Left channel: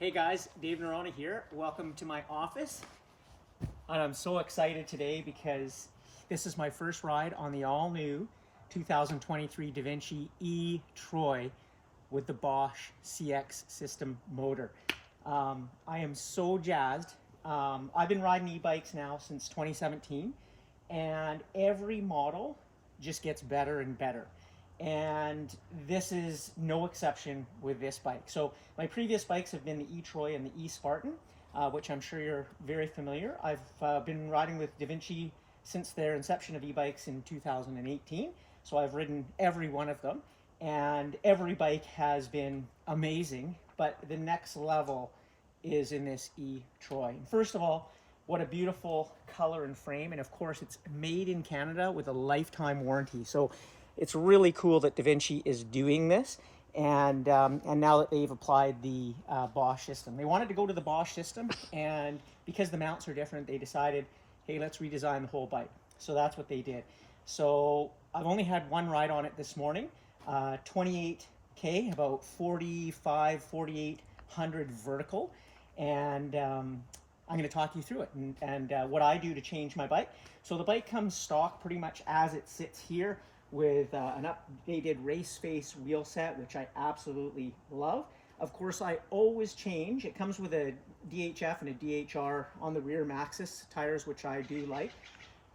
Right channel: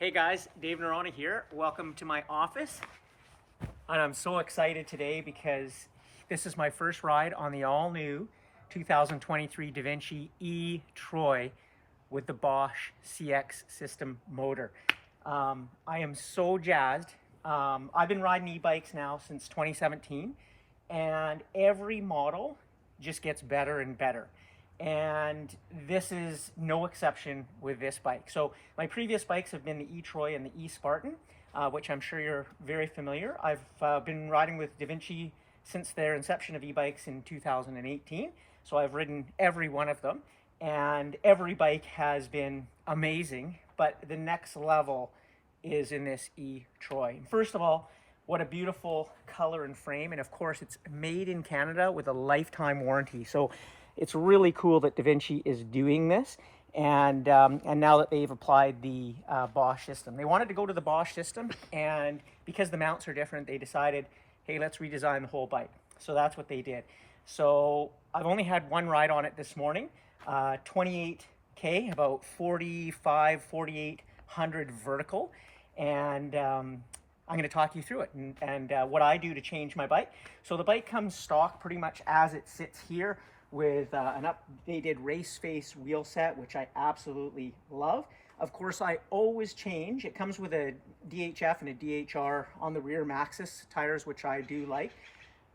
Hey guys, Dave Norona here. Welcome to my office. And I'm so excited today because this is my first ride on the all-new 2023 Devinci E-Troy with the Bosch CX System motor. I am so jazzed. I've been riding e-bikes now since 2017, and every model just gets better and better. And this is no exception with this bike. So my previous bikes have been the E-Troy and the E-Spartan, which I'm sure you're very familiar. I've been riding with Devinci since their inception of e-bikes in 2018. So I've ridden every one of them, and every bike has been amazing, but the next level is in this E-Troy. First of all, what a beautiful color and frame, and of course it's made in Canada with a lifetime warranty. So it's really cool that Devinci is doing this, and now that they've applied the Bosch system. They wanted to go to the Bosch system, and because the mounts are different, they decided, hey, let's redesign the whole bike. So that's what they did. So I've only had one ride on it this morning, 28K, about 4,800 vertical, and I'm going to talk you through it and what I do to change my bike. So the bike comes stock pretty much as it sits here, with an updated race face wheel set, which I absolutely love. Of course, I always change. It comes with a DHF and a DHR on the rear Maxxis tires, which I do like,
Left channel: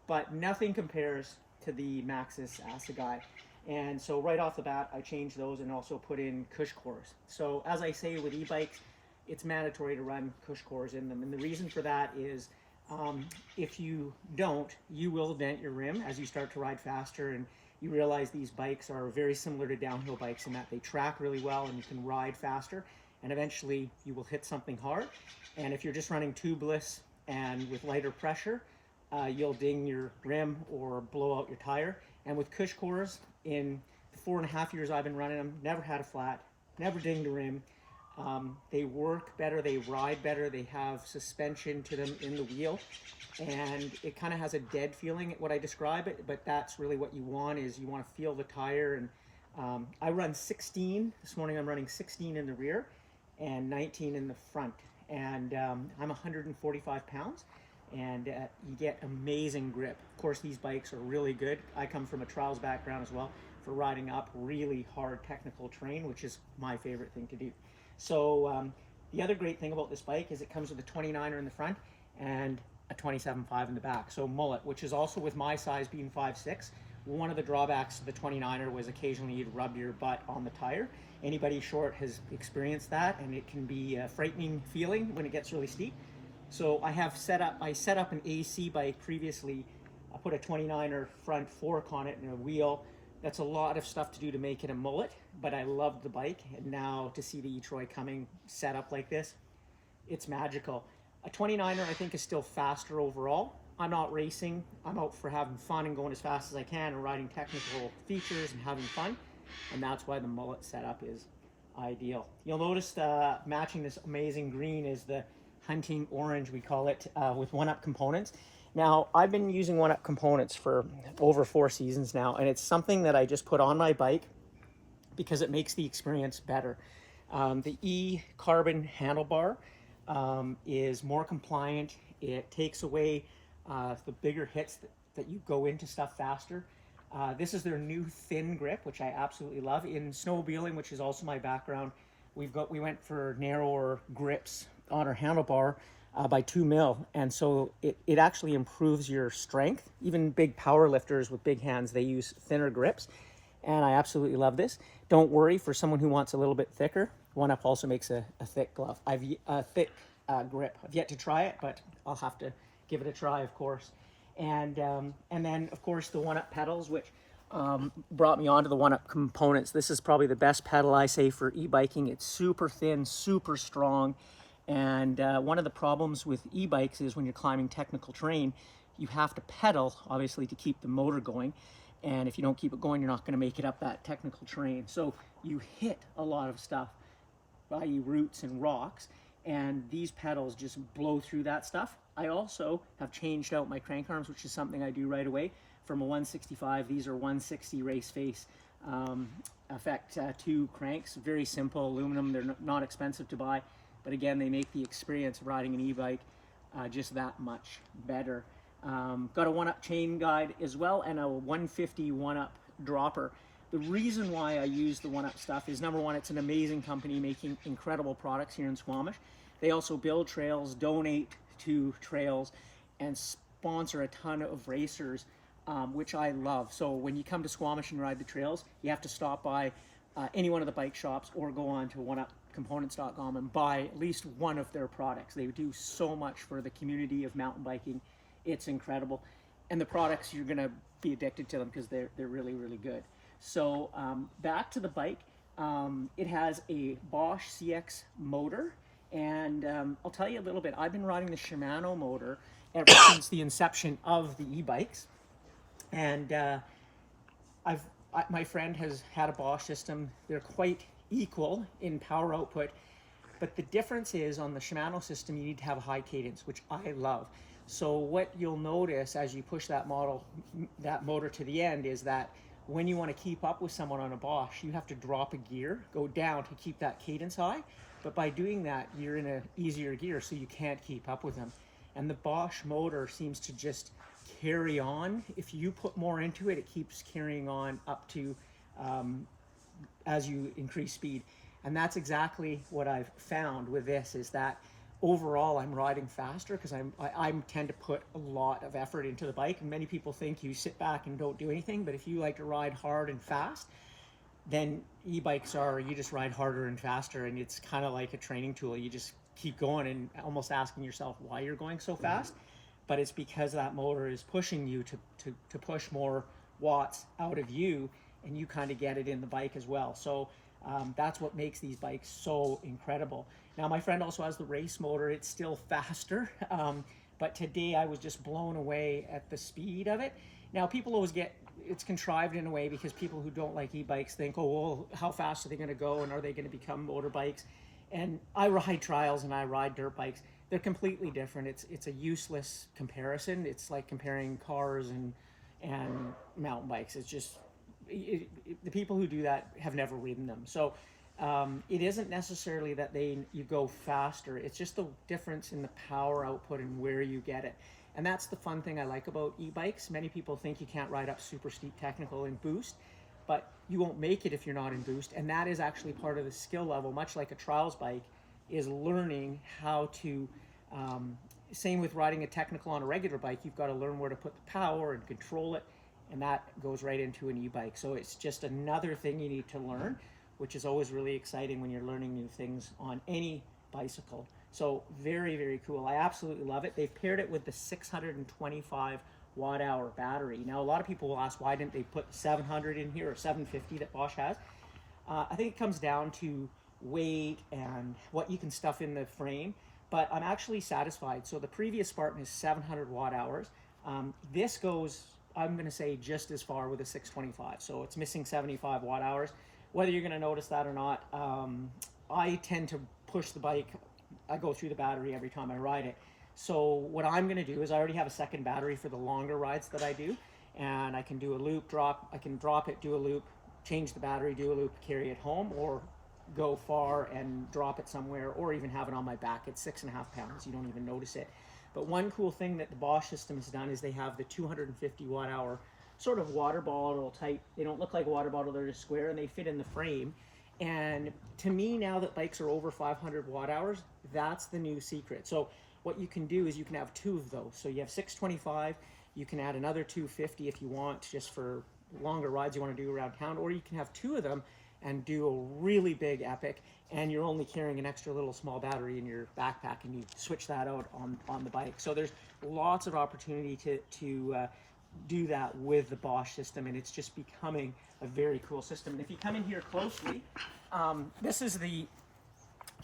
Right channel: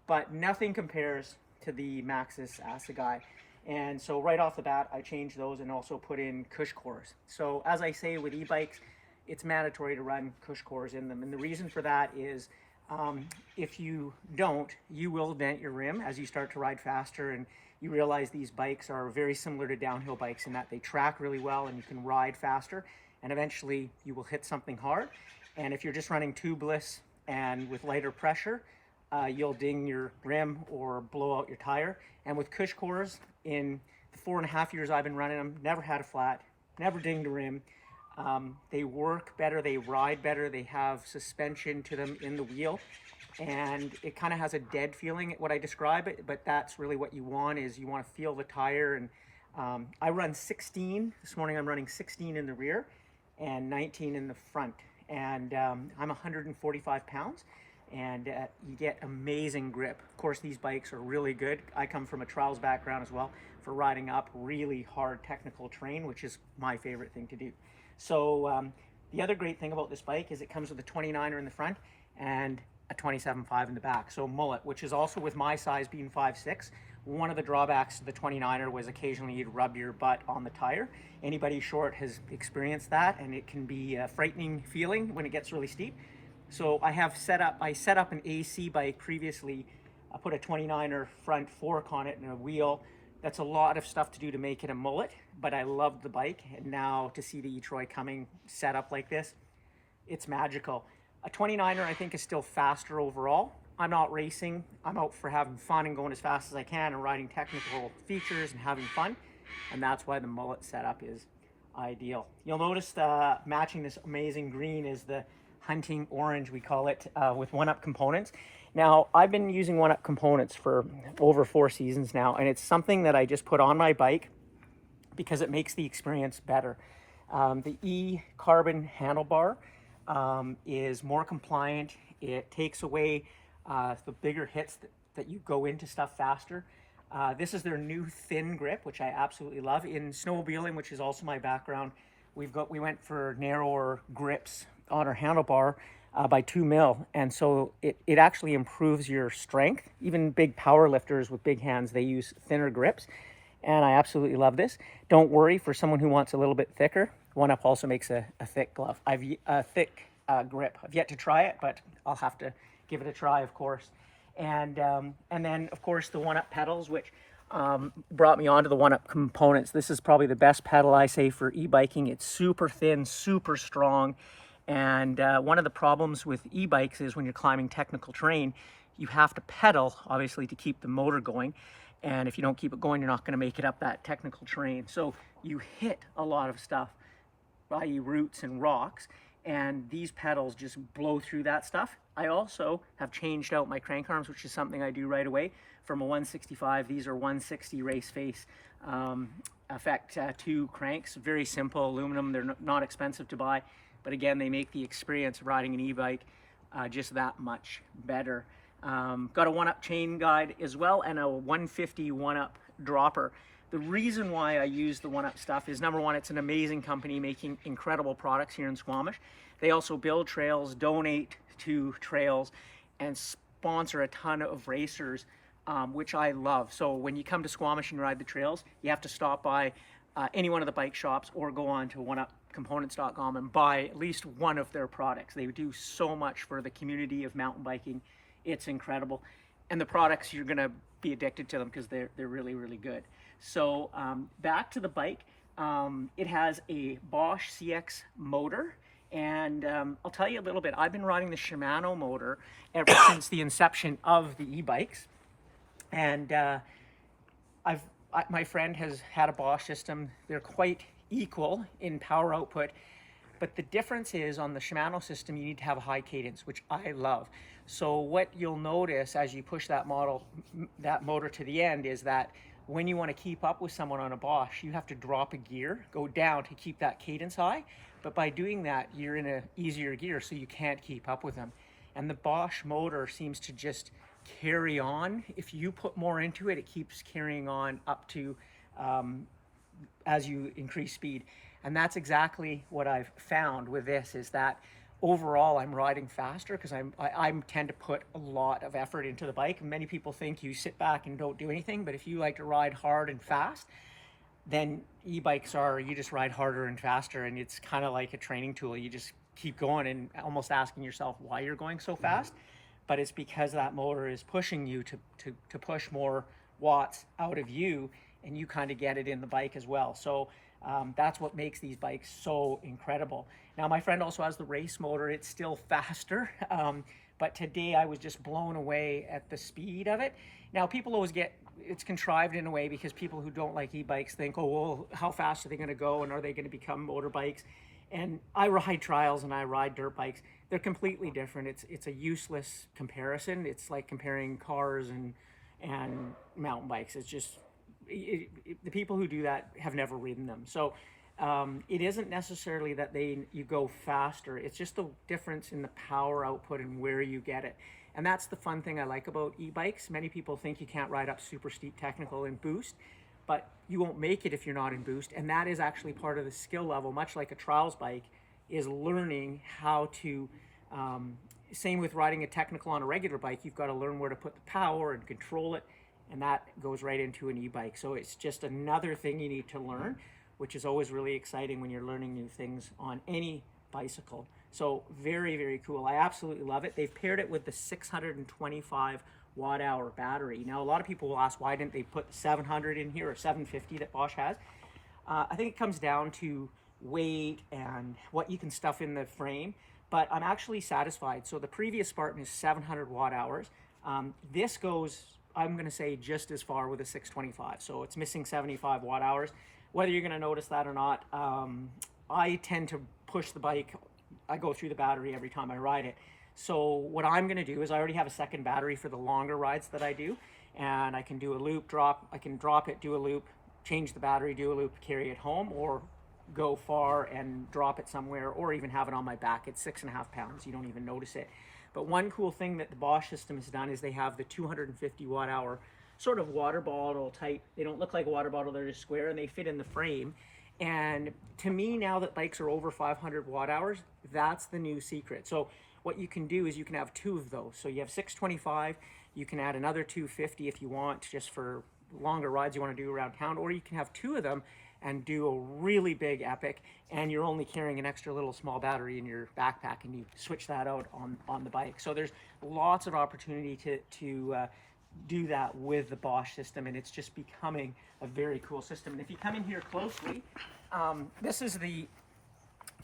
but nothing compares to the Maxxis Assegai. And so right off the bat, I changed those and also put in cush cores. So as I say with e-bikes, it's mandatory to run cush cores in them. And the reason for that is if you don't, you will dent your rim as you start to ride faster, and you realize these bikes are very similar to downhill bikes in that they track really well and you can ride faster, and eventually you will hit something hard. And if you're just running tubeless and with lighter pressure, you'll ding your rim or blow out your tire. And with cush cores, in the 4.5 years I've been running them, never had a flat, never dinged a rim. They work better, they ride better, they have suspension to them in the wheel, and it kind of has a dead feeling, what I describe it, but that's really what you want, is you want to feel the tire. And I run 16 this morning. I'm running 16 in the rear and 19 in the front, and I'm 145 pounds, and you get amazing grip. Of course, these bikes are really good. I come from a trials background as well for riding up really hard technical terrain, which is my favorite thing to do. So the other great thing about this bike is it comes with a 29er in the front and a 27.5 in the back. So mullet, which is also, with my size being 5'6", one of the drawbacks to the 29er was occasionally you'd rub your butt on the tire. Anybody short has experienced that, and it can be a frightening feeling when it gets really steep. So I set up an AC bike previously. I put a 29er front fork on it and a wheel. That's a lot of stuff to do to make it a mullet, but I loved the bike, and now to see the E-Troy coming set up like this, it's magical. A 29er I think is still faster overall. I'm not racing, I'm out for having fun and going as fast as I can and riding technical features and having fun, and that's why the mullet setup is ideal. You'll notice matching this amazing green is the hunting orange, we call it, with one-up components. Now, I've been using one-up components for over 4 seasons now, and it's something that I just put on my bike because it makes the experience better. The E-Carbon handlebar is more compliant. It takes away the bigger hits that you go into stuff faster. This is their new thin grip, which I absolutely love. In snowmobiling, which is also my background, we went for narrower grips on our handlebar by 2 mil, and so it actually improves your strength. Even big power lifters with big hands, they use thinner grips, and I absolutely love this. Don't worry, for someone who wants a little bit thicker, one-up also makes a thick glove. A thick grip. I've yet to try it, but I'll have to give it a try, of course. And then, of course, the one-up pedals, which brought me onto the one-up components. This is probably the best pedal, I say, for e-biking. It's super thin, super strong. And one of the problems with e-bikes is when you're climbing technical terrain, you have to pedal, obviously, to keep the motor going. And if you don't keep it going, you're not going to make it up that technical terrain. So you hit a lot of stuff, i.e. roots and rocks, and these pedals just blow through that stuff. I also have changed out my crank arms, which is something I do right away. From a 165, these are 160 race face Effect 2 cranks, very simple aluminum. They're not expensive to buy, but again, they make the experience of riding an e-bike just that much better. Got a 1-up chain guide as well, and a 150 1-up dropper. The reason why I use the 1-up stuff is, number one, it's an amazing company making incredible products here in Squamish. They also build trails, donate to trails, and sponsor a ton of racers, which I love. So when you come to Squamish and ride the trails, you have to stop by any one of the bike shops or go on to oneupcomponents.com and buy at least one of their products. They do so much for the community of mountain biking. It's incredible. And the products, you're gonna be addicted to them because they're really, really good. So back to the bike, it has a Bosch CX motor. And I'll tell you a little bit. I've been riding the Shimano motor ever since the inception of the e-bikes. And my friend has had a Bosch system. They're quite equal in power output, but the difference is on the Shimano system, you need to have a high cadence, which I love. So what you'll notice as you push that motor to the end is that when you want to keep up with someone on a Bosch, you have to drop a gear, go down to keep that cadence high. But by doing that, you're in an easier gear, so you can't keep up with them. And the Bosch motor seems to just carry on. If you put more into it, it keeps carrying on up to as you increase speed. And that's exactly what I've found with this, is that overall I'm riding faster because I tend to put a lot of effort into the bike. And many people think you sit back and don't do anything, but if you like to ride hard and fast, then e-bikes you just ride harder and faster, and it's kind of like a training tool. You just keep going and almost asking yourself why you're going so fast. But it's because that motor is pushing you to push more watts out of you, and you kind of get it in the bike as well. So that's what makes these bikes so incredible. Now, my friend also has the race motor. It's still faster, but today I was just blown away at the speed of it. Now, people always it's contrived in a way because people who don't like e-bikes think, oh, well, how fast are they going to go, and are they going to become motorbikes? And I ride trials and I ride dirt bikes. They're completely different. It's a useless comparison. It's like comparing cars and mountain bikes. It's just, the people who do that have never ridden them. So it isn't necessarily that you go faster. It's just the difference in the power output and where you get it. And that's the fun thing I like about e-bikes. Many people think you can't ride up super steep technical in boost, but you won't make it if you're not in boost. And that is actually part of the skill level, much like a trials bike, is learning how to, same with riding a technical on a regular bike, you've got to learn where to put the power and control it, and that goes right into an e-bike. So it's just another thing you need to learn, which is always really exciting when you're learning new things on any bicycle. So very, very cool. I absolutely love it. They've paired it with the 625 watt-hour battery. Now, a lot of people will ask, why didn't they put 700 in here or 750 that Bosch has? I think it comes down to weight and what you can stuff in the frame, but I'm actually satisfied. So the previous Spartan is 700 watt-hours. This goes, I'm going to say, just as far with a 625. So it's missing 75 watt-hours. Whether you're going to notice that or not, I tend to push the bike. I go through the battery every time I ride it. So what I'm going to do is, I already have a second battery for the longer rides that I do, and I can do a loop, drop, I can drop it, do a loop, change the battery, do a loop, carry it home, or go far and drop it somewhere, or even have it on my back. It's 6.5 pounds. You don't even notice it. But one cool thing that the Bosch system has done is they have the 250 watt-hour sort of water bottle type. They don't look like a water bottle, they're just square, and they fit in the frame. And to me, now that bikes are over 500 watt-hours, that's the new secret. So what you can do is you can have two of those. So you have 625, you can add another 250 if you want, just for longer rides you want to do around town, or you can have two of them and do a really big epic, and you're only carrying an extra little small battery in your backpack, and you switch that out on the bike. So there's lots of opportunity to do that with the Bosch system, and it's just becoming a very cool system. And if you come in here closely, this is the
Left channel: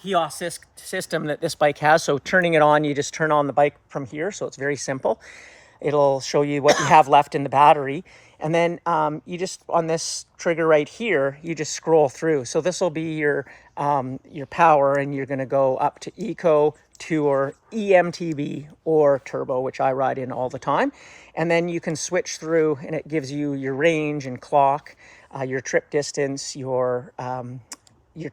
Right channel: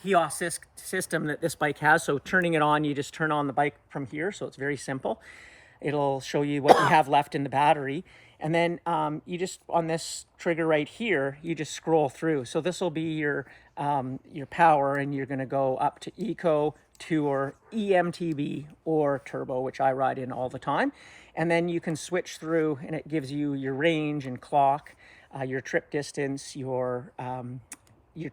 HEOS system that this bike has. So turning it on, you just turn on the bike from here, so it's very simple. It'll show you what you have left in the battery, and then you just, on this trigger right here, you just scroll through. So this will be your power, and you're going to go up to Eco, Tour, e-mtb, or Turbo, which I ride in all the time. And then you can switch through, and it gives you your range and clock. your trip distance, your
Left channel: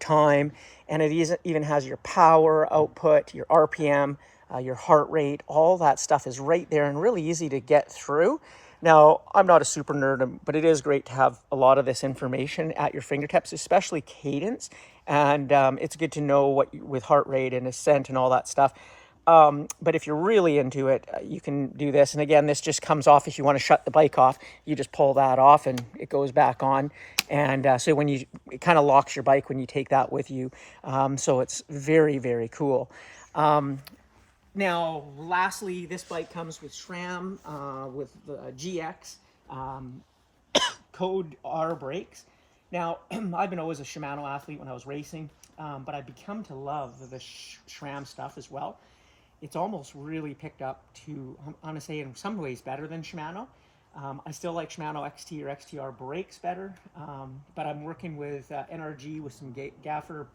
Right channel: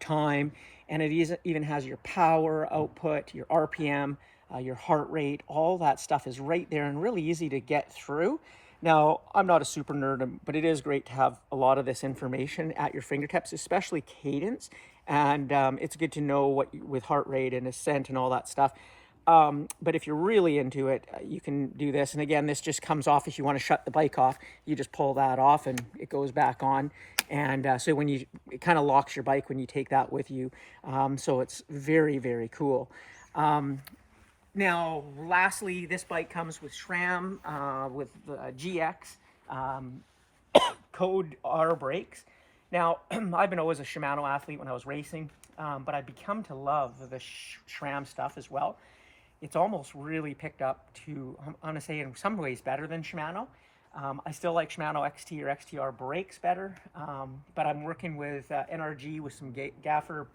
time, and it even has your power output, your RPM, your heart rate. All that stuff is right there and really easy to get through. Now, I'm not a super nerd, but it is great to have a lot of this information at your fingertips, especially cadence. And it's good to know what with heart rate and ascent and all that stuff. But if you're really into it, you can do this. And again, this just comes off if you want to shut the bike off. You just pull that off and it goes back on. And so when it kind of locks your bike when you take that with you. So it's very, very cool. Now, lastly, this bike comes with SRAM, with the GX code R brakes. Now, I've been always a Shimano athlete when I was racing, but I've become to love the SRAM stuff as well. It's almost really picked up to, I'm going to say in some ways better than Shimano. I still like Shimano XT or XTR brakes better, but I'm working with NRG with some gaffer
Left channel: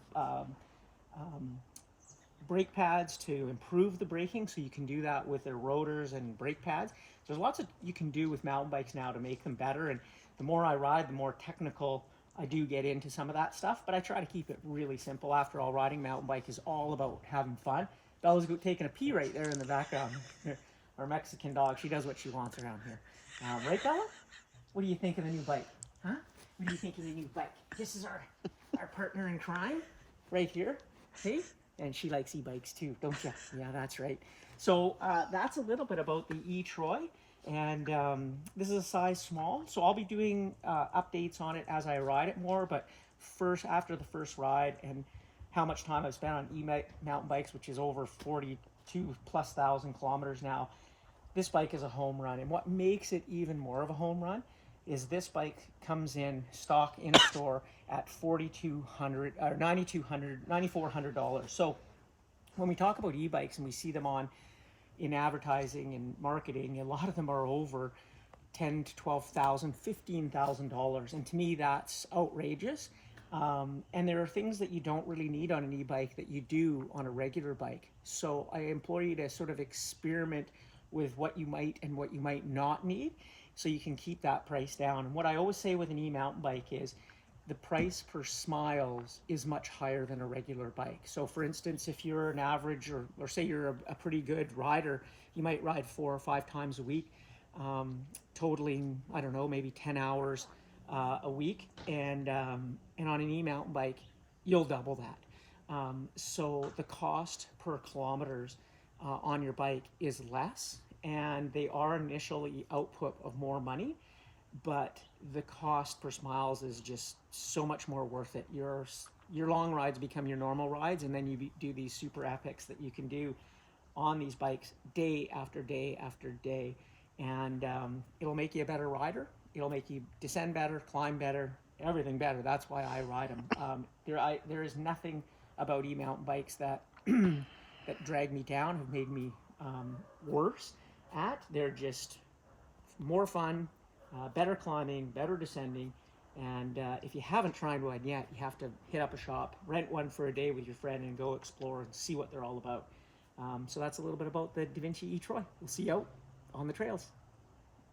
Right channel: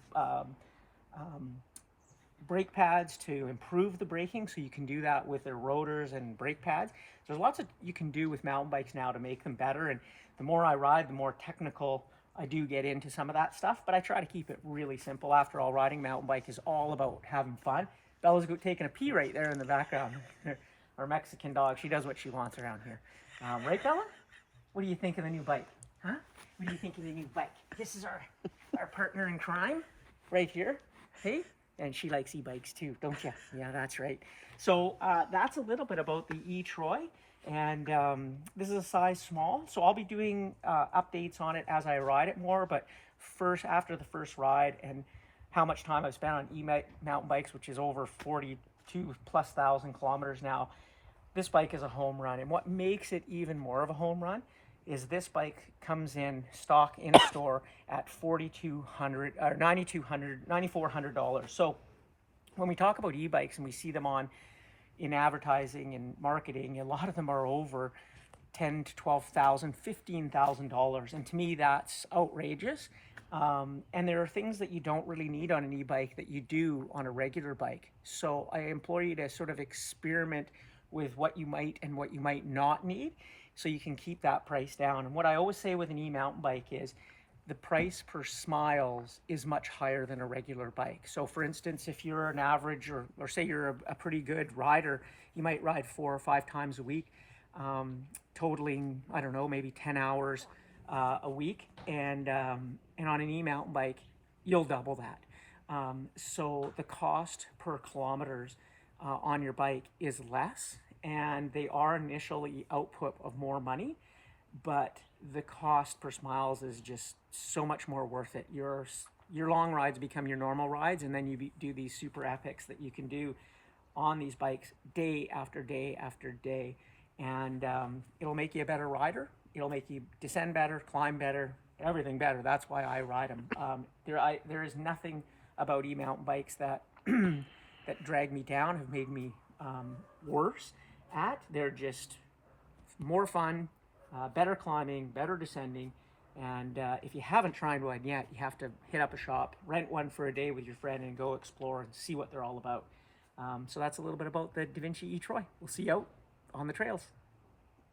brake pads to improve the braking, so you can do that with their rotors and brake pads. So there's lots of you can do with mountain bikes now to make them better, and the more I ride, the more technical I do get into some of that stuff, but I try to keep it really simple. After all, riding mountain bike is all about having fun. Bella's taking a pee right there in the background. Our Mexican dog, she does what she wants around here. Right, Bella? What do you think of the new bike? Huh? What do you think of the new bike? This is our partner in crime right here. See? And she likes e-bikes too, don't you? Yeah, that's right. So that's a little bit about the E-Troy. And this is a size small, so I'll be doing updates on it as I ride it more. But first, after the first ride and how much time I've spent on mountain bikes, which is over 42,000+ kilometers now, this bike is a home run. And what makes it even more of a home run is this bike comes in stock in a store at $4,200 or $9,400. So when we talk about e-bikes and we see them in advertising and marketing, a lot of them are over $10,000 to $12,000, $15,000, and to me that's outrageous. And there are things that you don't really need on an e-bike that you do on a regular bike. So I implore you to sort of experiment with what you might and what you might not need, so you can keep that price down. And what I always say with an e-mountain bike is the price per smiles is much higher than a regular bike. So for instance, if you're an average or say you're a pretty good rider, you might ride 4 or 5 times a week, totaling, I don't know, maybe 10 hours a week. And on an e-mountain bike, you'll double that. So the cost per kilometers on your bike is less, and they are initially output of more money, but the cost per smiles is just so much more worth it. Your long rides become your normal rides, and then you do these super epics that you can do on these bikes day after day after day, and it'll make you a better rider. It'll make you descend better, climb better, everything better. That's why I ride them. There is nothing about e-mountain bikes that that drag me down, have made me worse at. They're just more fun, better climbing, better descending. And if you haven't tried one yet, you have to hit up a shop, rent one for a day with your friend, and go explore and see what they're all about. So that's a little bit about the Devinci E-Troy. We'll see you out on the trails.